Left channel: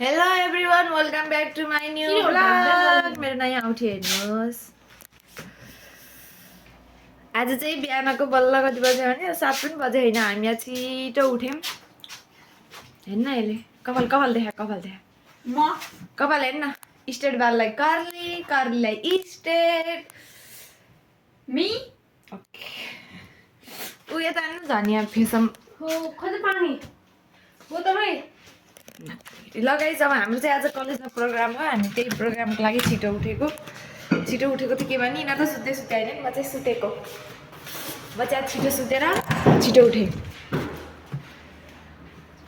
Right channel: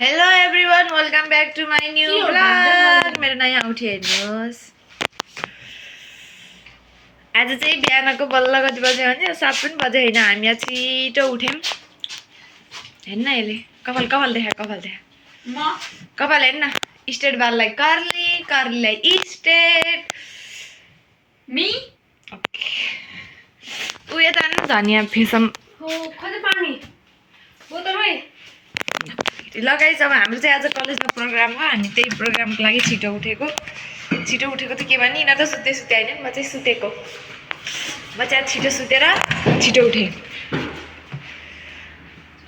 Hello everyone, welcome back to my new vlog. मेरो नयाँ औँठी हेर्नुहोस्। आज चाहिँ बिहानको बल्ल कति बजे भने 7 पनि बजे हैन, हामी आज छिटो उठ्यौं। हेर्न यसले कपाल देखा म कपाल हेर्न स्ट्रेट बाललाई कर्ली कर्लीलाई स्ट्रेट मी ओके उ यता न धनिया फेसम हो कति पानी हो त भाइ लगाइस। अब हाम्रो चाहिँ आज कलेजमा प्रोग्राम हो, हामी त्यही प्रोग्रामको लागि छिटो उठेको त के भने यिनीहरू त सुते हैन, म चाहिँ सुतेको। म चाहिँ छिटो सुतेर छिटो उठे।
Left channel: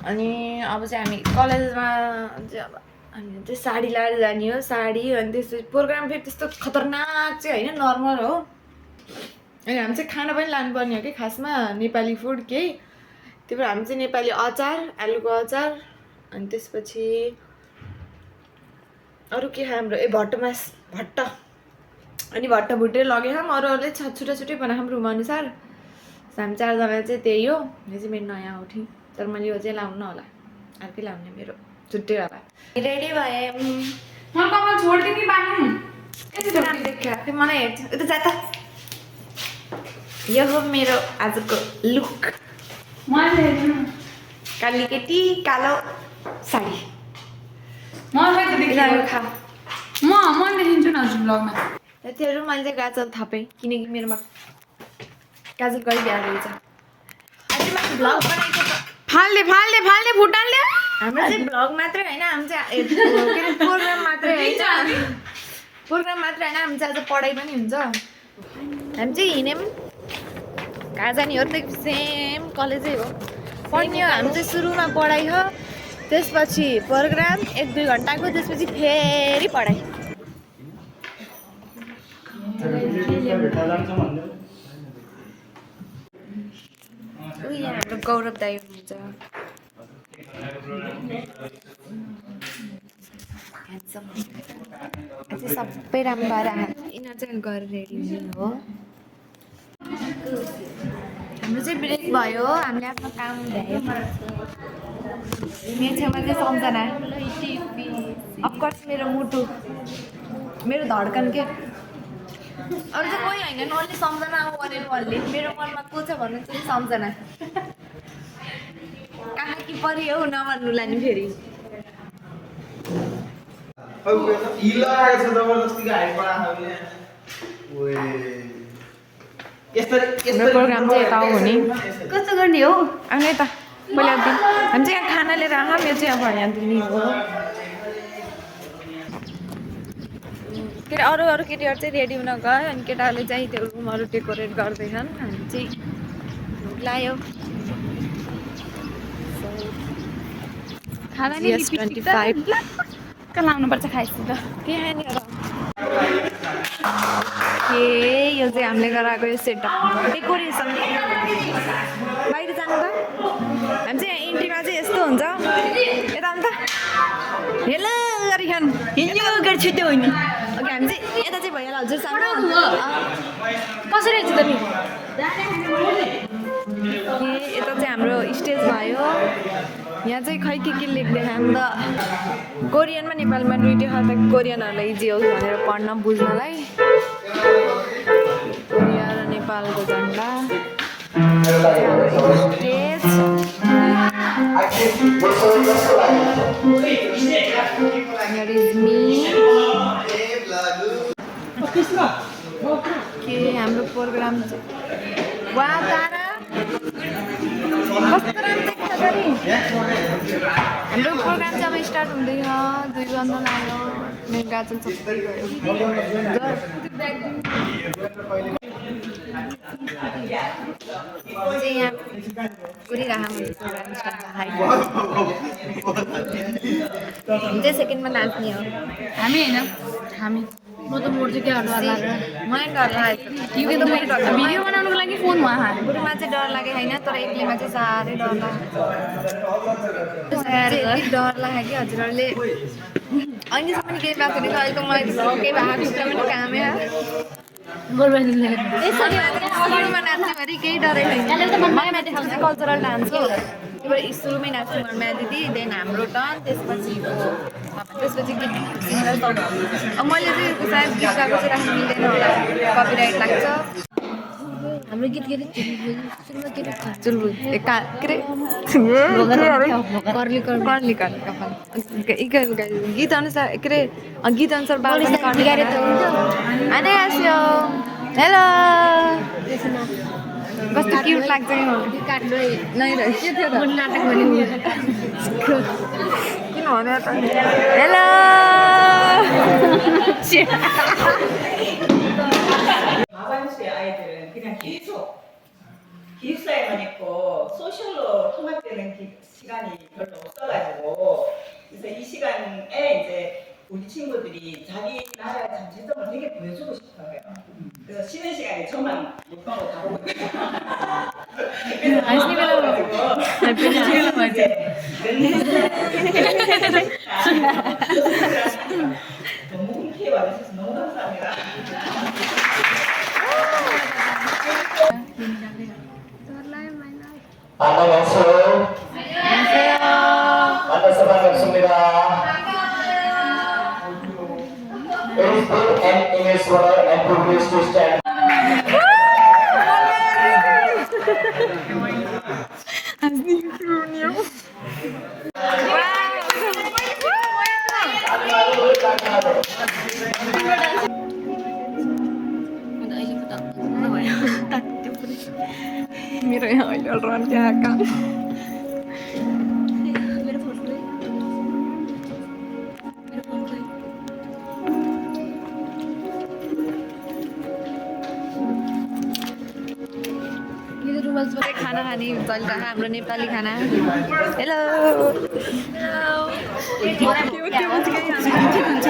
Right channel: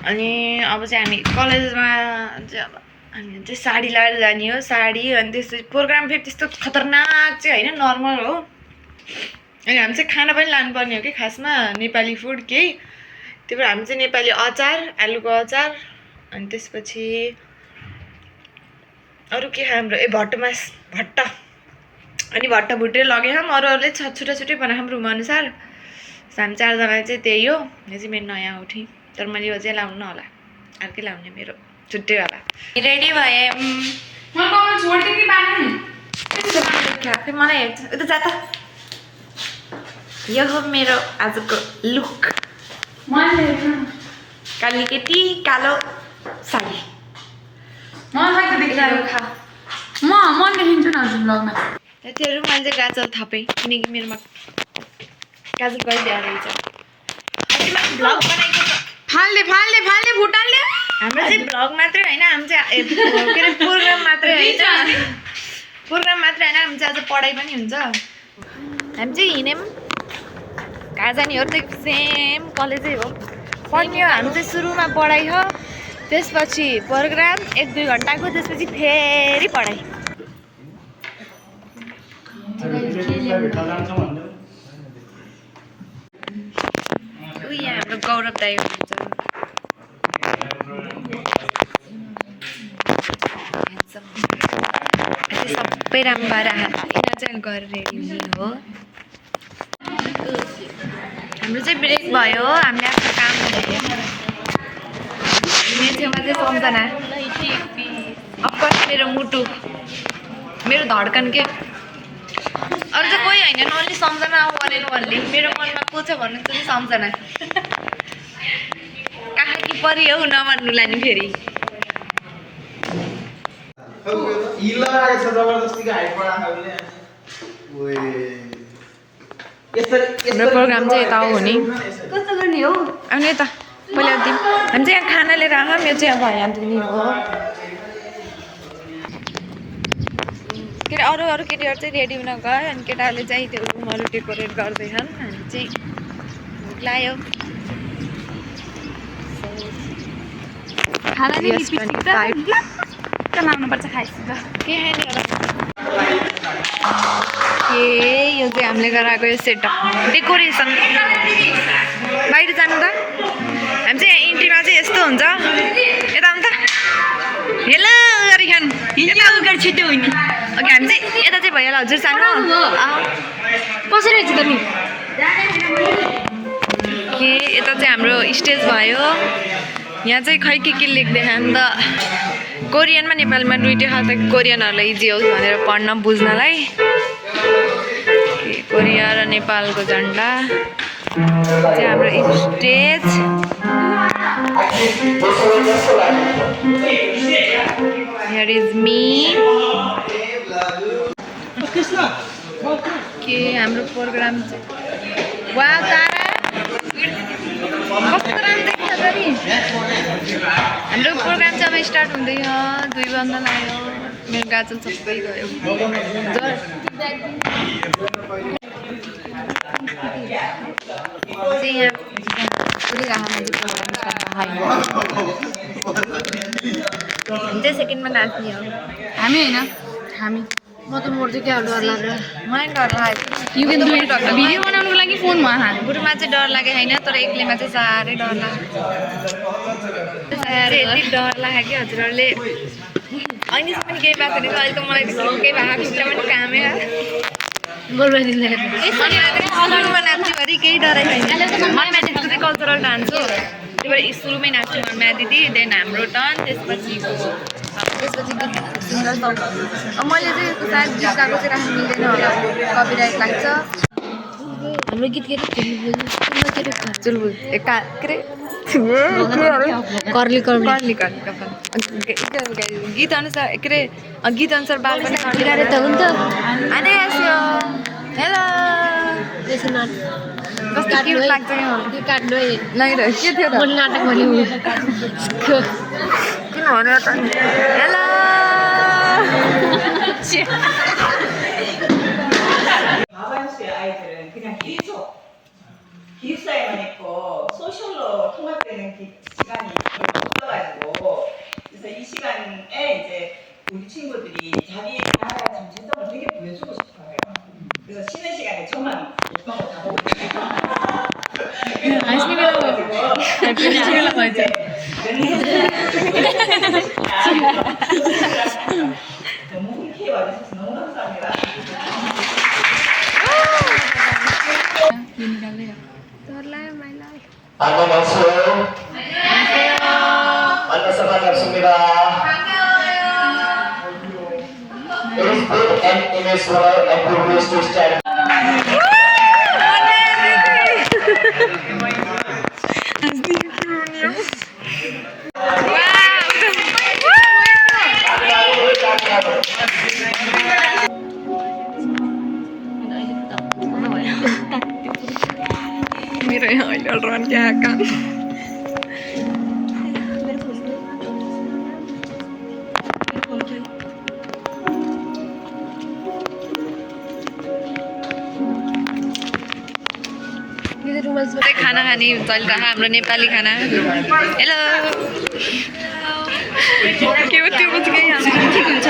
अनि अब चाहिँ हामी कलेजमा चाहिँ अब हामी चाहिँ साडी लगाएर जाने हो, साडी। अनि त्यसपछि प्रोग्राम फेरि त्यस्तो खतरनाक चाहिँ हैन, नर्मल हो। अनि हामी चाहिँ खाना पनि लानुपर्ने हो कि खासमा, नेपाली फुड केही। त्यही भएर हामी चाहिँ नेपाली अचार, आलुको अचार, अनि त्यसपछि अरू के हाम्रो भट्ट अनि भट्ट भुटेर लगे हम। अरूहरूले छुट्टै बनाएँ रुम अनुसार। हामी 4 जना चाहिँ त्यही हो। यो चाहिँ मेरो नयाँ औँठी, तर मैले यो चाहिँ लाउनु होला, अर्कै लाउने मेरो छुट्टै वाला। रेडी भए म कमा छोड्दै कि बान्नु मलाई हेर्छ उता जा त। यो हो मेरो आजको लुक। मैले काली केटी कालो साडी। मलाई त देखिरहेको खा म देखिन्छु न हजुर ब्लगमा। त्योहरू मैले चाहिँ गाजर थापेँ किनकि मेरोमा गाजर गरिदिएर रहेछ। अझै मैले भ्लग बनाएको त फाल्ने फुटाल्ने हाम्रो चाहिँ भ्लग मात्रै होइन, हामी चाहिँ के अरे प्रोग्राम मात्रै होइन, हामी चाहिँ आज पढाइ पनि हुन्छ। हामी चाहिँ हिँड्यौँ कहाँ जाने हो त, सेम कलेजै हो पढ्ने हो। हामी चाहिँ सुरुमा पढाइ हो, त्यसपछि प्रोग्राम 1-2 घन्टाको, त्यसपछि फेरि पढाइ। यहाँ हाम्रो गौरव दाइ हुनुहुन्छ। सबै राम्रो भएर यिनीहरू चाहिँ गरेर रेडी हुने हो। हाम्रो चाहिँ ब्रेक भयो, हामीले आफ्नो काम गऱ्यौँ। मेरो छेउमा चाहिँ सम्झना, अफकोर्स मेरो मुटु, मेरो धड्कन के अरू चाहिँ कोही होइन, ओन्ली सम्झना आऊ भनेर भन्ने। मेरो मनमा को छ भन्नु त सम्झना। कहाँ कि परि हौ नभन्नु लाने फेरि। हाम्रो प्रोग्राम चाहिँ यता हो नि, कस्तो गर्ने हो अनि यता पहिला दिन हामी चाहिँ यहाँ खाना लिएर आऊँ। यो चाहिँ अब यहाँ दिने हो। के अरे अरू केटीहरू चाहिँ रेडी हुन गयो, अनि केटाहरूले चाहिँ त्यो रुमहरू डेकोरेट गर्दैछन्। हामी चाहिँ लायो लाउनुपर्छ खाइसु त के यो चाहिँ हामीले गराएको यो सेटअप डेकोरेसन। बाहिर जानु त हामी चाहिँ यहाँ इन्ट्रीमा चाहिँ यस्तो हुन्छ। यता आउनु त, हेलो गरिखान यता छिटो होइन ओके। हामी चाहिँ यता चाहिँ भइहाल्यो हजुर सानो कसरी छ तिमी के। यता चाहिँ हाम्रो स्टेज भयो। यहाँ चाहिँ खै के लेख्दैन नि त, कोरियनमा नेपालीमा दुइटै छ त, कोरियनहरूलाई इजी होस् भनेर पढ्न बुझ्नलाई। कोरिया र नेपालको झन्डा चाहिँ हाम्रो स्टेज। हियर इज मी के हाम्रो प्रोग्राम चाहिँ वा तारे कस्तो राम्रो देख्छ फेरि। हाम्रो प्रोग्राम चाहिँ अब स्टार्ट हुँदैछ। 2 बन्द लाग्यो, मेरो गाजल सबै गयो। चाहिँ यहाँ हामी चाहिँ सेकेन्डमा नाच्ने हो। हामी होइन हामी म त मर्छु क्या डर लागेर। मलाई डर लागेको भिडियो बनाउनुको लागि फोन भयो बुढोमा चाहिँ डर लागेको होइन, तर एक्लैमा चाहिँ साह्रै डर लाग्यो। यति डर लाग्यो कि हजुरहरूले अहिलेसम्म पनि केही भएको छैन। अहिले त मलाई केही भएको खुट्टा पनि कामै बोल्नु नाच्नेभरि केही डरै छैन। म्याथमेटिक्सको चाहिँ कल्चरल डान्स हो। त्यही भएर सुरुमै नाच्नु मनमा दिदी देन हाम्रो टर्न त्यसपछि गीत सिङ्गर सङ मैले चाहिँ सायद गीत गाएको चाहिँ राख्नु मिल्दैन होला कपिराइट लाग्छ हाम्रो गीत के चुलबुल के अरे कर्ली कर्ली कपाल गीत अनुसार के अरे गीत अनुसार बाल पनि कर्ली गरे त हुन्छ आने आस्यो हेलो त्यसो न कस्तो क्युट लाग्छ नि काट्नु नै र के थियो त मैले नाटक गर्नु किन भन्नु त hello 마반수의 아이들은 그냥 기숙사에만 있고 소셜로 통합되는 시간이 별로 없어가지고 그래서 이 시간에 이제 우리 친구들이 자기 나라의 정체성을 되게 보여주고 싶어해요. 그래서 쉬는 시간에 저만 욕하고 다 보고 너무 흔쾌히 와주셔서 너무 감사합니다. 안녕하세요. 만나서 반갑습니다. It is big and immeasurable and privileged to stand. मेरो यहाँ अहिले रन क्या काम खाना खाने चलिरहेको हाम्रो नेपाली खाना हेलो के हो त्यो पनि केही ठिक हुन्छ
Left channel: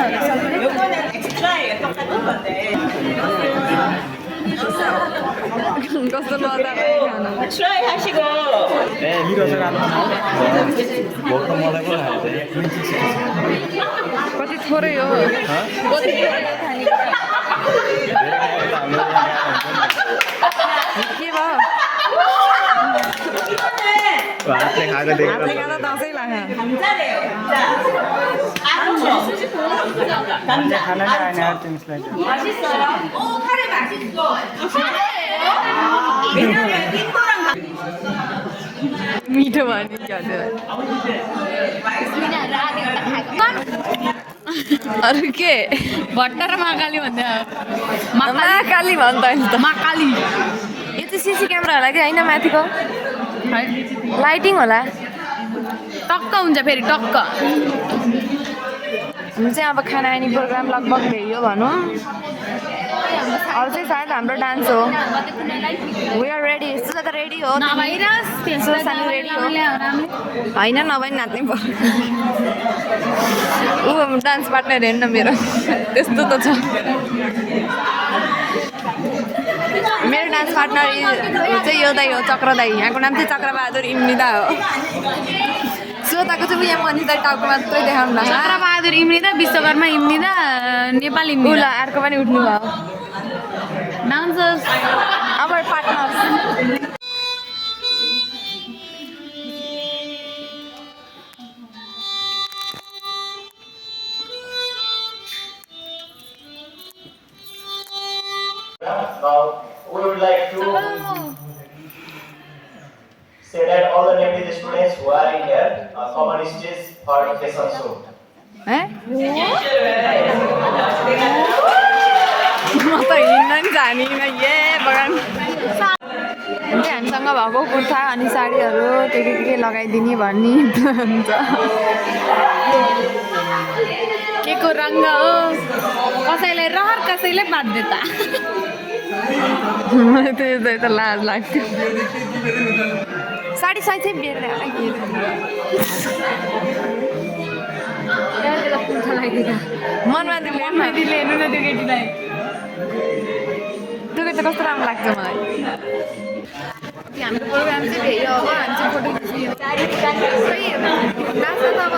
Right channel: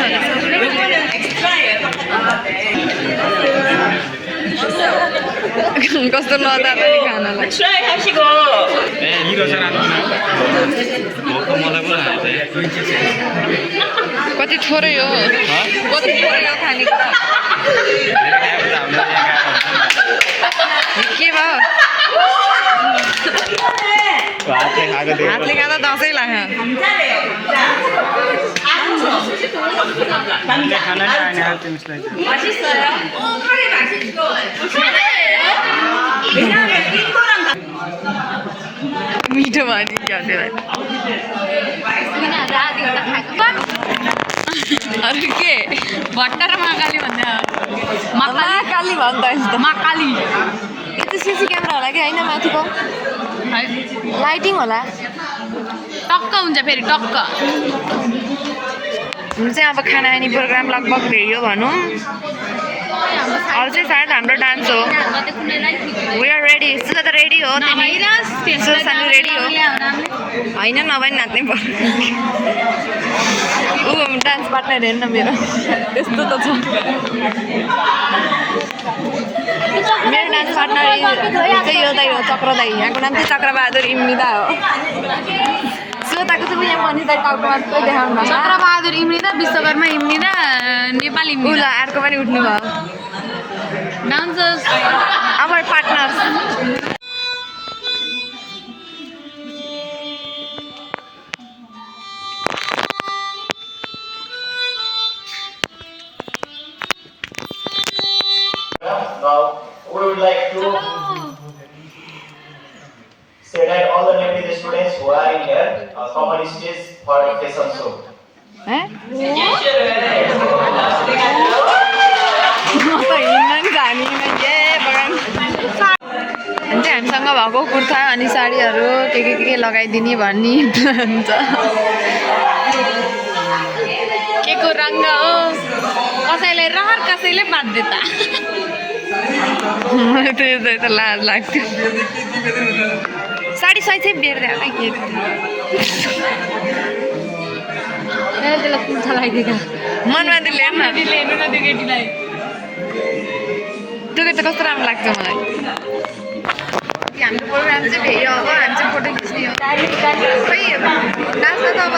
कस्तो लदा पनि खानालाई 트라이 하시고 네, 이러진 않구나. 먹고 먹어보라 할 때. कति थोरै हो कति थोरै हो खानेकुरा 내가 해보다 안 되니까. के भयो 앞에 가게 되고. हातले खाँदा दसैँ लाग्यो 감자래요 감자 감자 하나는 아니야, 좀 슬라이드. 왜냐면 인도랑 मिठो भयो नि क्या त्यसलाई अरू के भट्टर महाकाली भन्दा महाकाली भन्छ नि त महाकाली यो त सिसी क्यामेरा होला कि होइन माथिको लाइटिङ होला टक्क हुन्छ फेरि टक्क हाम्रो चाहिँ अब खाना खाने प्रोग्राम लगभग भेट्यो भनौँ अरू चाहिँ सायद हाम्रो डान्स हो वी आर रेडी सुजा त रेडी हो सानो रेडी हो होइन नभए नि नाच्नै पर्यो ऊ डान्स पार्टनर हेर्न मेरो त्यस्तो त छ मेरो डान्स पार्टनर चाहिँ यो दाइ हो चक्र दाइ यहाँको नाम चाहिँ चक्रबहादुर इम्रिदा हो श्रोताको चाहिँ यहाँ मनिता टाउको मात्रै देखाउनु न चक्रबहादुर इम्रिदा विश्वकर्मा इम्रिदा नेपाल ऊ ल इम्रिदा अर्को पनि उठ्नु भयो dancers our partners Now we would like to say that all the deputy students who are in here come on stage for a fashion show. म त हिँड्न नि जानिनँ ए भगवान् अनि चाहिँ हामीसँग भएको कुर्ता अनि साडीहरू के लगाइदिने भन्ने प्लान छ के को रङ्ग हो कसैलाई रहर कसैले बाध्यता मलाई त्यही त लाज लाग्थ्यो साडी सही चाहिँ बेर्दै होला के त्यसलाई पुच्छा लगाइदिएको मनमा दिले हेर्न हेर्नु न त्यो केटीलाई त्यो त कस्तो राम्रो लाग्छ मलाई हाम्रो प्रोग्राम चाहिँ भेट्यो अब हामी चाहिँ फोटो खिच्ने हो खै नाच्दा त अब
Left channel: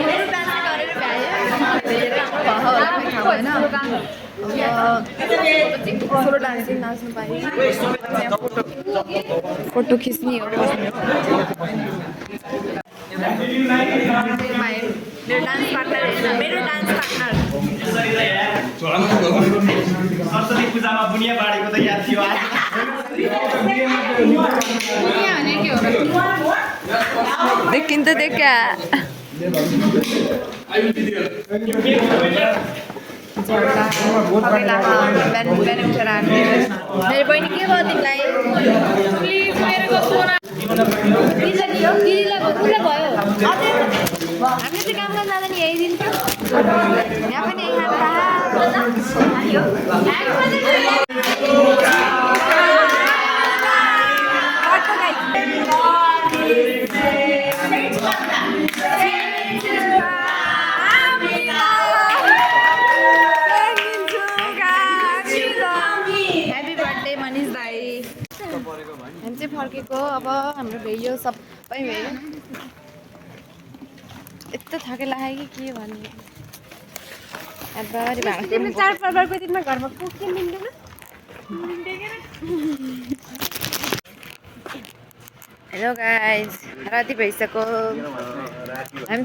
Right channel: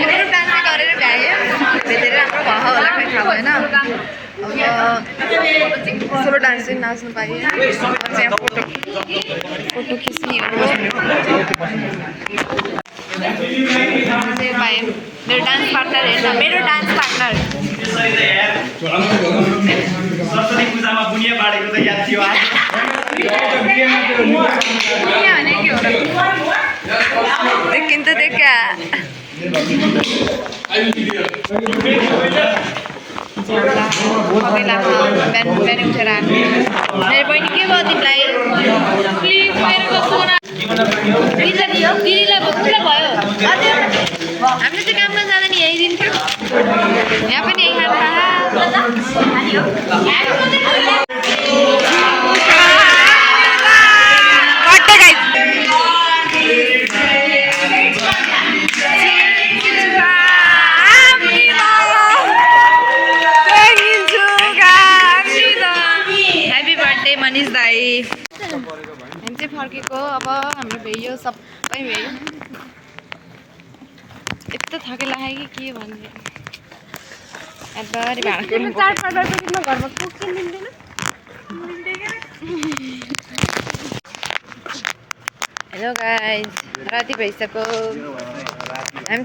ग्रुप डान्स गरेर भ्यायो धेरै राम्रो भयो होला खै थाहा थाहा भएन अब सोलो डान्स चाहिँ नाच्नु पाएँ यहाँ फोटो खिच्नेहरू पाएँ मेरो डान्स पार्टनर होइन मेरो डान्स पार्टनर सरस्वती पूजामा बुनिया बाडेको त याद थियो देखिन्छ देखा बिहान उठेर हाल्नु मेरो बहिनी के भयो तिमीलाई दिदीलाई भोकुला भयो हामीले चाहिँ काम गर्न जाँदा नि यही दिन थियो यहाँ पनि यही खानु ह्याप्पी बर्थडे मनिष दाई हामी चाहिँ फर्केको अब हाम्रो भ्याइयो सबै भ्याइयो यस्तो थके लाग्यो कि के भन्नु एबारी भाँडा चाडपर्वको दिनमा घरमा कुकिङ मिल्दैन हेलो गाइज राति भइसक्यो हामी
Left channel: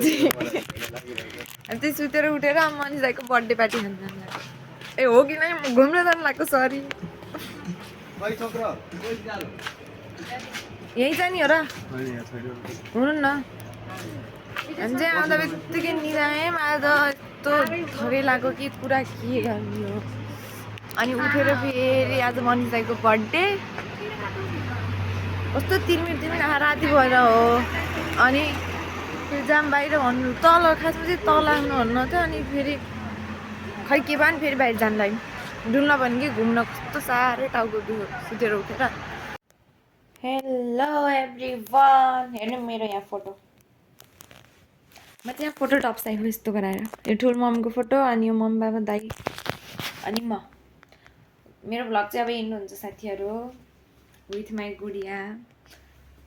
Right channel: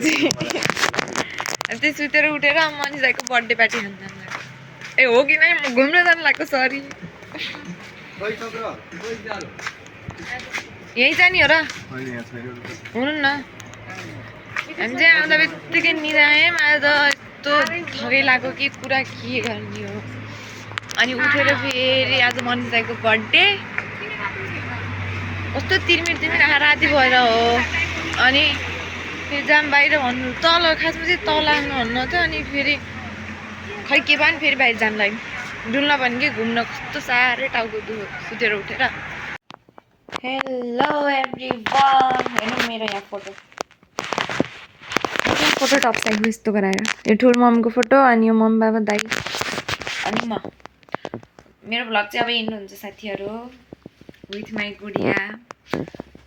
चाहिँ सुतेर उठेर मनिष दाइको बर्थडे पार्टी खान जानु लाग्यो ए हो कि नै म घुम्न जानु लाग्यो सरी यहीँ जाने हो र हुनु न हामी चाहिँ आउँदा बित्तिकै निदाएँ आज त यस्तो थकै लाग्यो कि कुरा के गर्ने हो अनि उठेर फेरि आज मनिष दाइको बर्थडे कस्तो तिर्मिर राति भएर हो अनि फेरि जाम बाहिर भन्नु तल खासमा चाहिँ तल आउनु भन्नु थियो अनि फेरि खै के भयो नि फेरि बाहिर जानु लाग्यो डुल्न पनि कि घुम्न कस्तो साह्रै टाउको दुखो सुतेर उठेर हेलो एभ्रिवान हेर्नु मेरो यहाँ फोटो टप साइडमा यस्तो गराएर यो ठुलो मम्मीको फोटो अनि यो मम्मी बाबा दाइ अनि म मेरो भ्लग चाहिँ अब इन्ड हुन्छ साथीहरू विथ माई गुडिया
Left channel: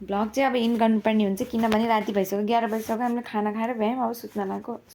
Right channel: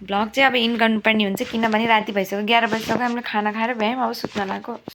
भ्लग चाहिँ अब इन्ड गर्नुपर्ने हुन्छ किनभने राति भइसक्यो 11 बजीसक्यो हामीले खाना खाएर भ्यायौँ अब सुत्न लाग्यो